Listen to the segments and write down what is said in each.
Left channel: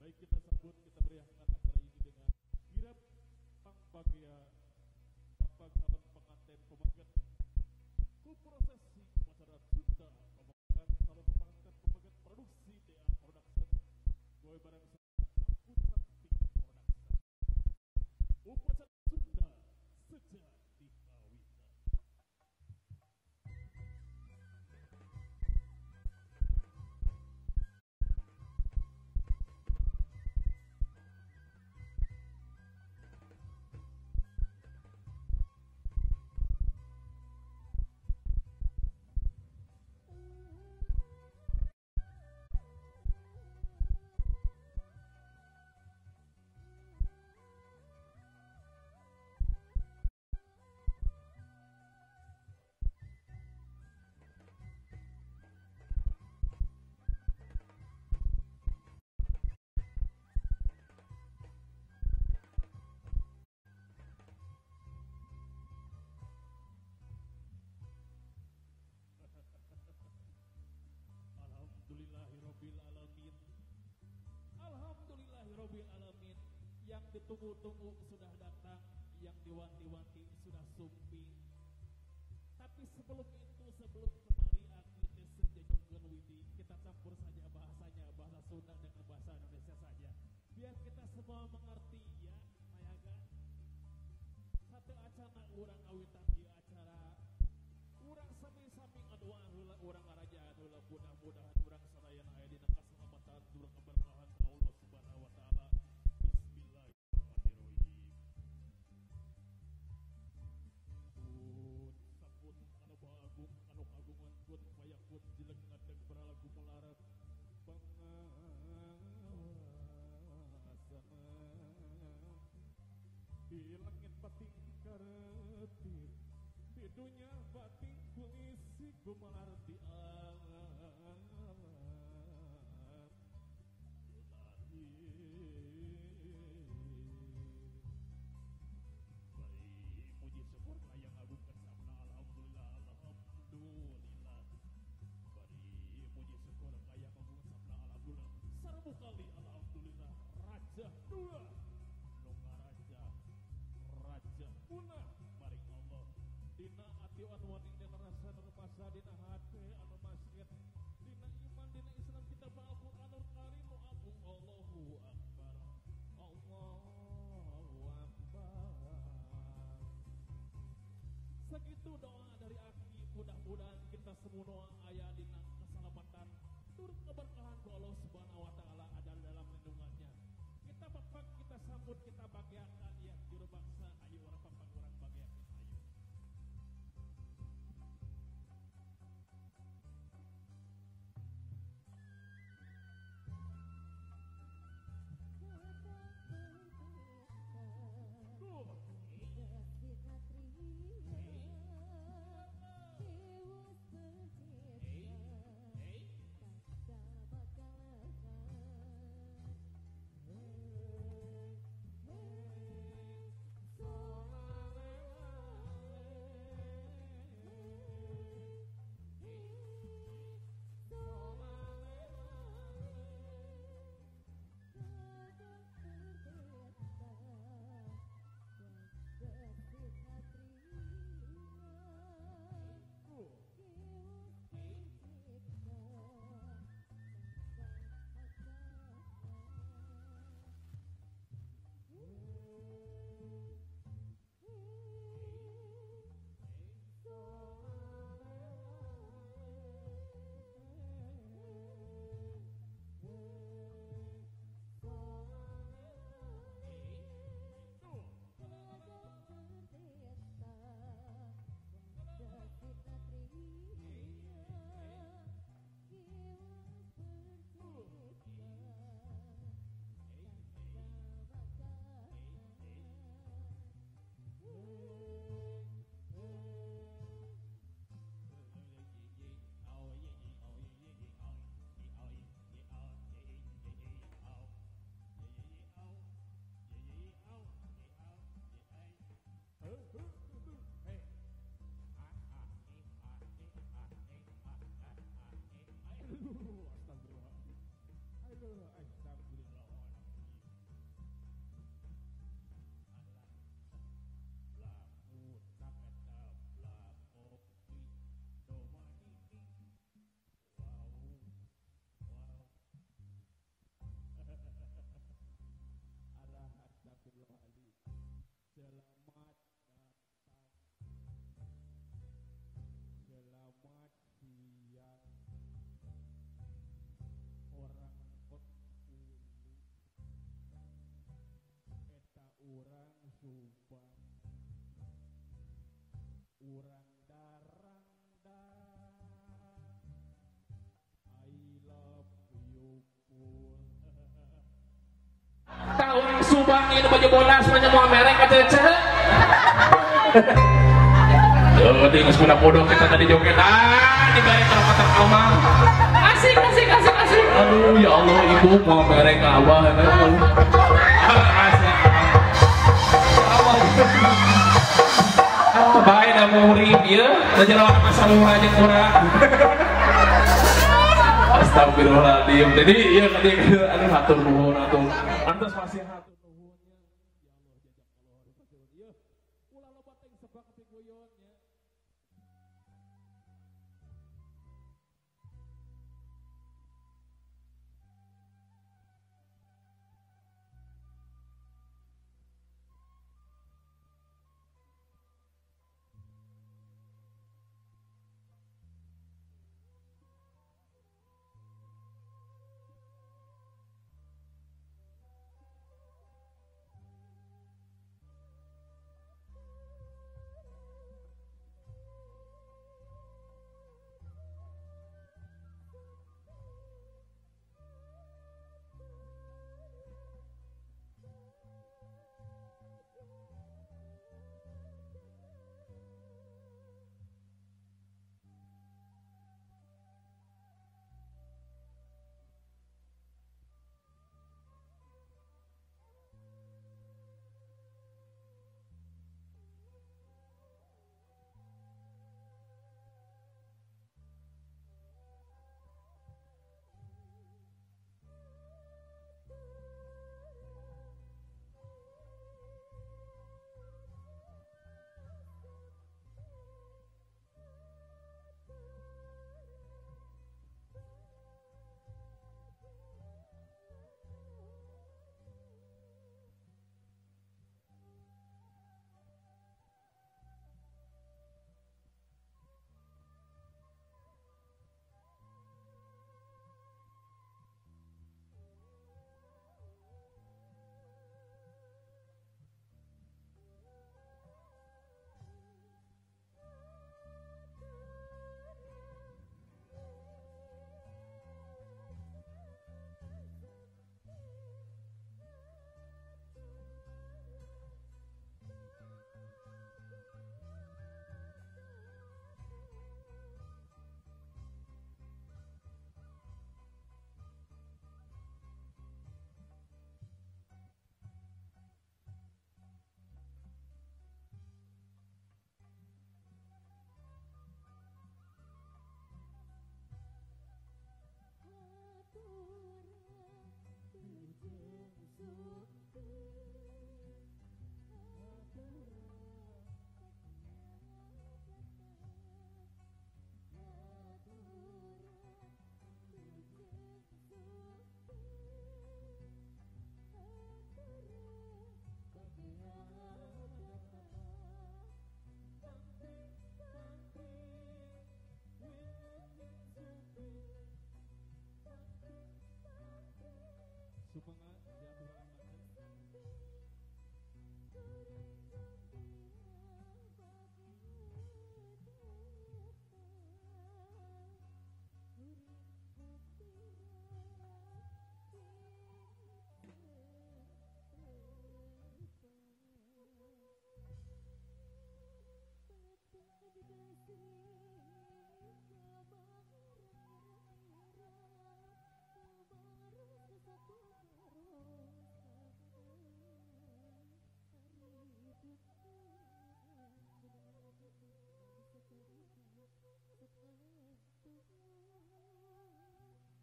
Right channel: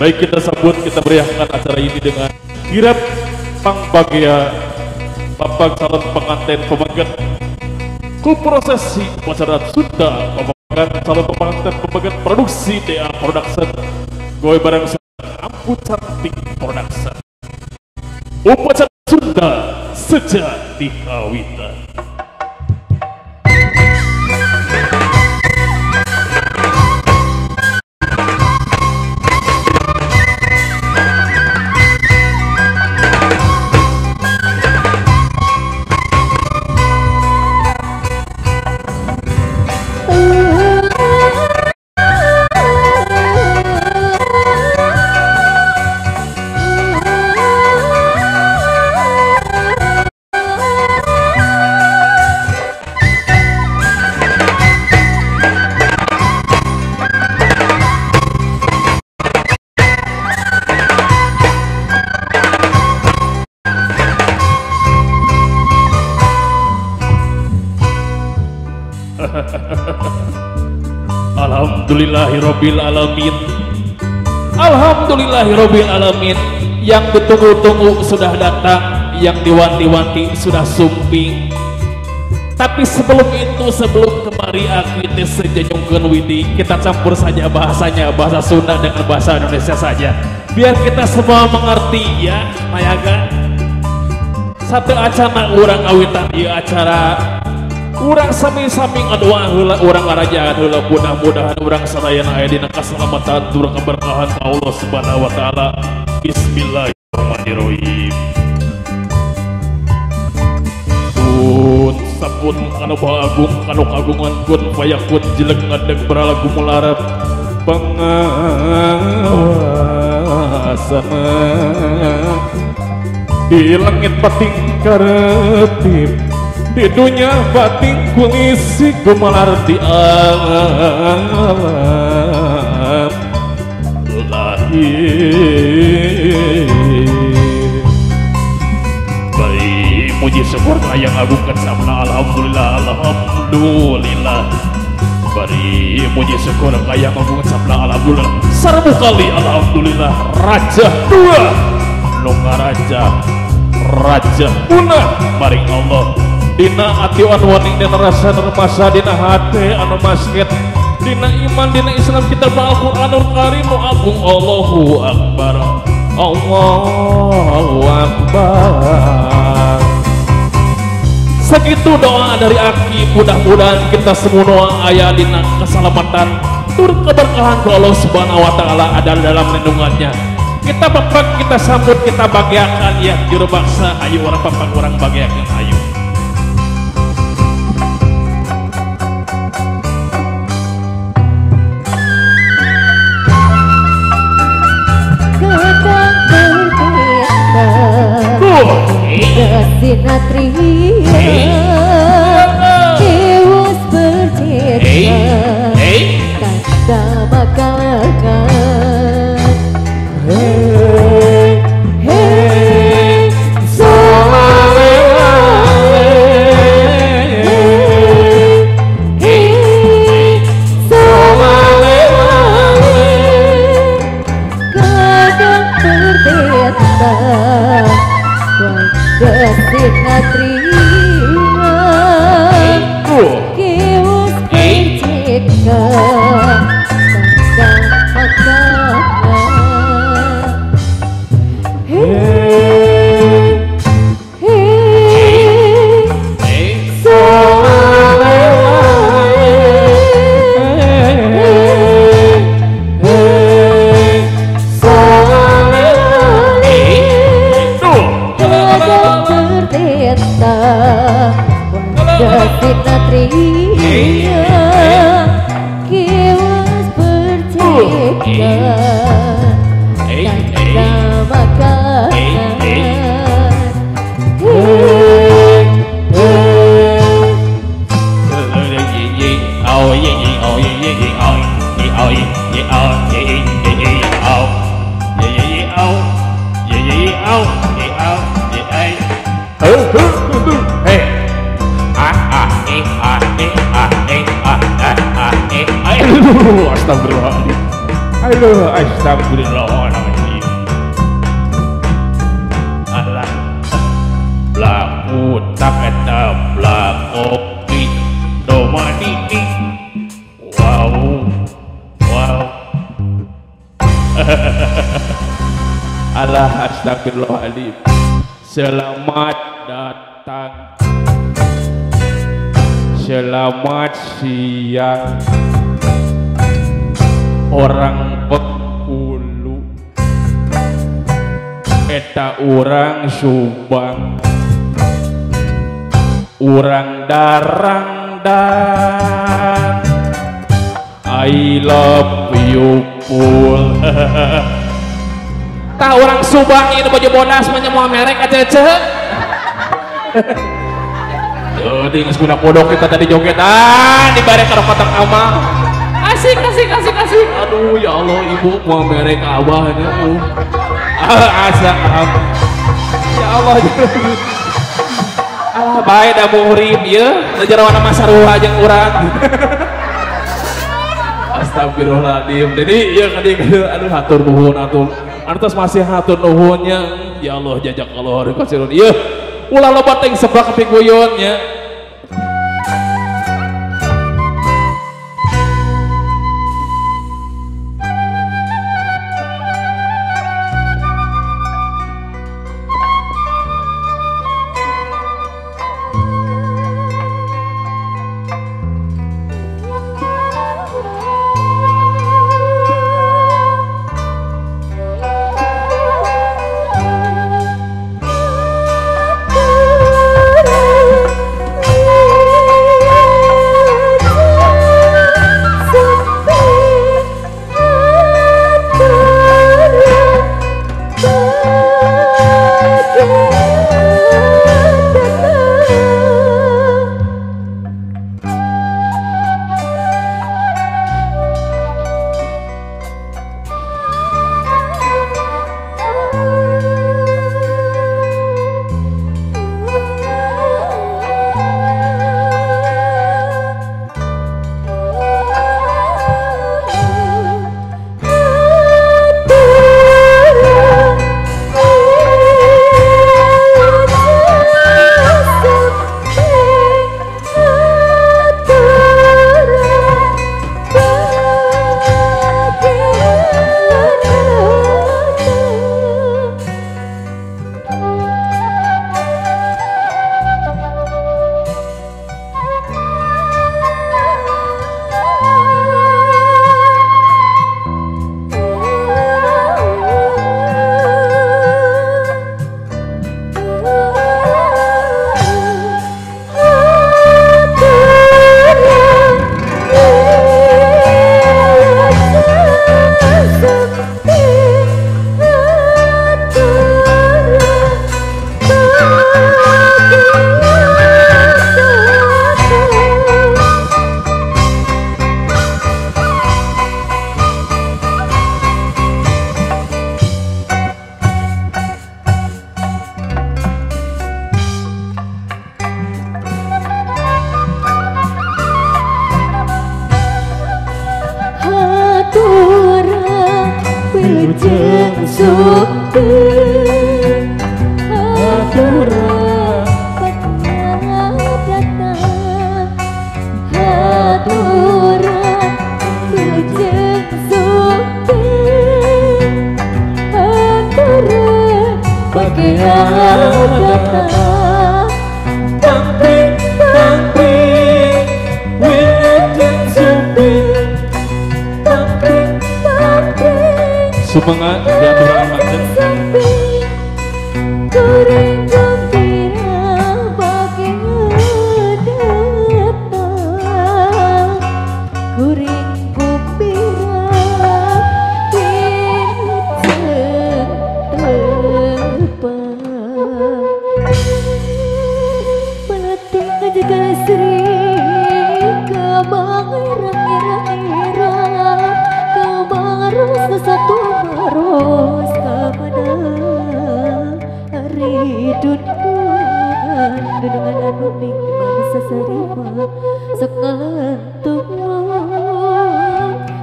Baik, kita sambut, kita meriahkan acara ini dengan kirap pangbagia Bapak calon pengantin pembagian ku prosesi upacara Sunda pembagian calon pengantin pembagian produksi DA Production goy barang Ampu Cantik Production upacara Sunda sejati kawitan. Alhamdulillahirabbil alamin. Alhamdulillahirabbil alamin. Yang ditunggu-tunggu sudah datang, yang diwanti-wanti sudah sumping. Tapi sebelum itu, sebelum kemari aku teh sejenyungkeun widi, kita campur saja bahasanya, bahasa Sunda dengan bahasa Indonesia saja. Biar kita semua mengerti ya, mayaga. Satu acara urang awitan ieu acara urang sami-sami ngadua heula urang ngarajakan heula mudah-mudahan urang sadayana aya dina kaselamatan tur keberkahan ka Allah Subhanahu wa taala. Bismillahirrahmanirrahim. Kun sapun anu agung anu kagungan kun fayakun jelek ngadeg beralagu mularap pangawasana di langit pating karetip di dunia batin kulisi gumelar di alam lahir. Baik muji syukur yang agungkan sabna alhamdulillah alhamdulillah. Bari muji syukur yang agungkan sabna alhamdulillah. Sarbu kali alhamdulillah raja dua nunga raja punah maring Allah. Dina ati anu waning dina rasa nermasa dina hate anu masket dina iman dina Islam kita Al-Qur'anul Karim nu agung. Allahu Akbar Allahu Akbar. Segitu doa dari Aki, mudah-mudahan kita semua aya dina keselamatan tur keberkahan ke Allah Subhanahu wa taala ada dalam lindungannya. Kita bapak kita sambut kita bagiakan ya juru baksa ayo orang bapak orang bagiakan ayo. Sinatria Dewas bercerita Kata makalkan Hey Hey Solale Hey Solale Kadang berbeda Sinatria Kiwas berceka Tanda makanan Hei Hei Solale Hei Solale Sinatria Kiwas berceka Tanda makanan Astagfirullahaladzim. Aduh, astagfirullahaladzim. Alah, blaku tak eta blakopi domanini. Wow, wow. Alah, astagfirullahaladzim. Selamat datang. Selamat siang. Orang Bengkulu, eta orang Subang, orang Darang dan I love you full. Tah orang Subang ini baju bonas banyak mau merek aja ceh. Jadi nggak podok kita tadi jogetan di bareng karo kotak ama. Asik. Aduh ya Allah, ibu mau merek awah ini. Asa. Ya Allah. Baik dah murim ya. Najarawan masa ruha jeung urang. Astagfirullahaladzim. Jadi ya tadi aduh hatur nuhun atuh. Antos masih hatur nuhunnya. Ya Allah jajak Allah kasirun. Ieu ulah loba teh sebak piguyonnya. Sumengat dan orang macam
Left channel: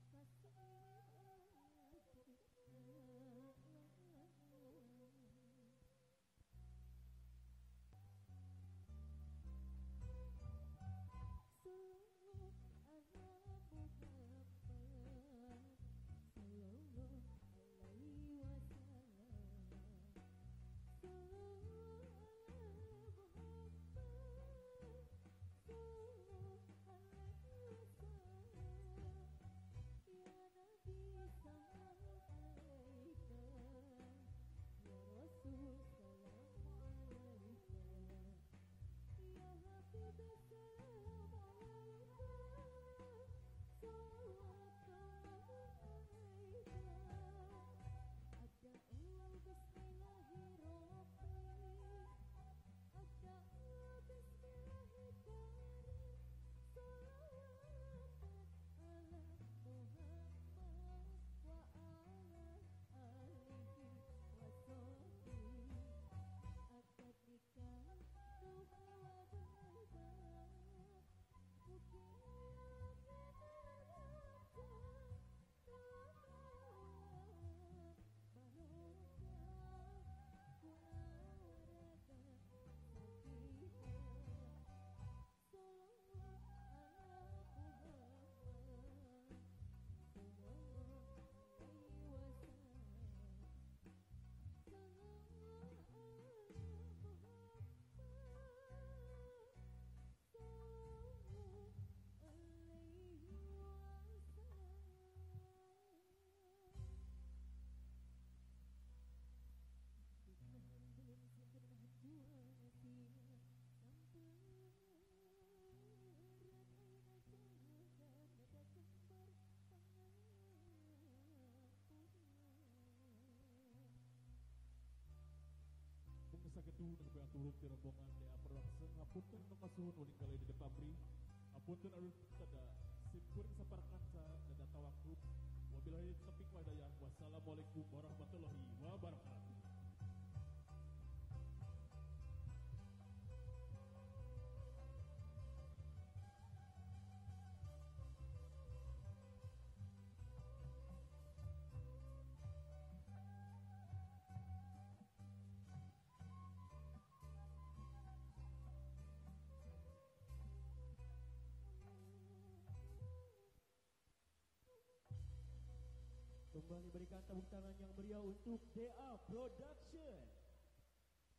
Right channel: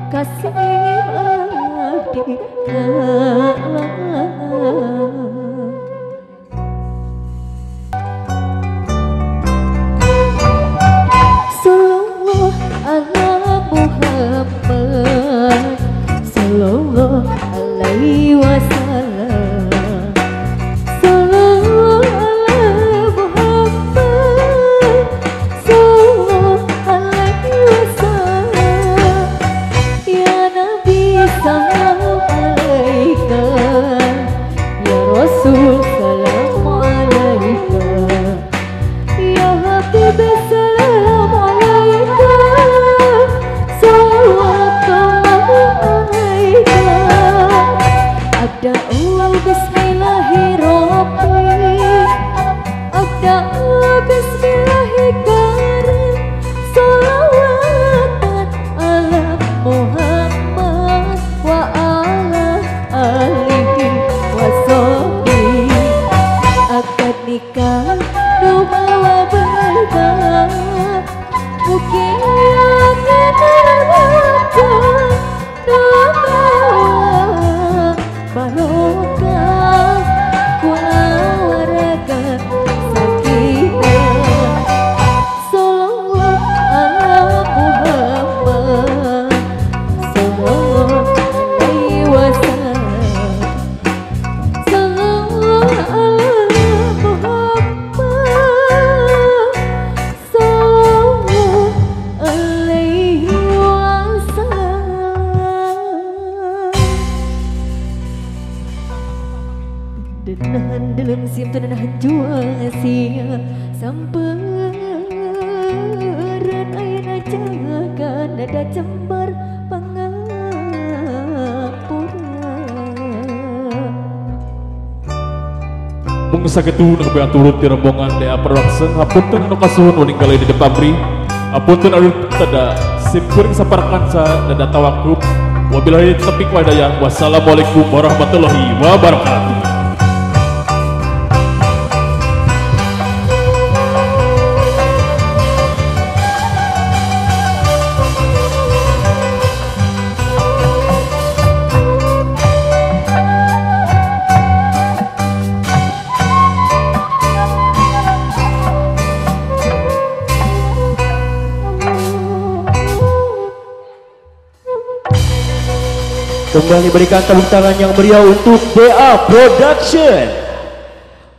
kasih Sallallahu ala Muhammad, sallallahu alaihi wasallam, sallallahu ala Muhammad, sallallahu alaihi wasallam. Ya Nabi salam alaika, ya Rasul salam alaika, ya Habib salam alaika, salawatullah alaika. Abda'u bismillahirrahmanirrahim, abda'u bismillahirrahmanirrahim, salawatan ala Muhammad wa ala alihi wa sahbihi. Akad nikah membawa berkah, mungkin akan terwujud, membawa barokah, keluarga sakinah. Sallallahu ala Muhammad, sallallahu alaihi wasallam, sallallahu ala Muhammad, sallallahu alaihi wasallam. Denahan dalam siam tenahan juang sia samperan ayana jangan ada jembar pangapura. Mungsa ketu nak beaturut di rombongan dea perwaksen hapunten anu kasuhun uning kali di depan pri hapunten anu tada simpuring saparkansa dada tawakub wabillahi taufiq wal hidayah. Wassalamualaikum warahmatullahi wabarakatuh. Kembali berikan tepuk tangan yang meriah untuk BA Production.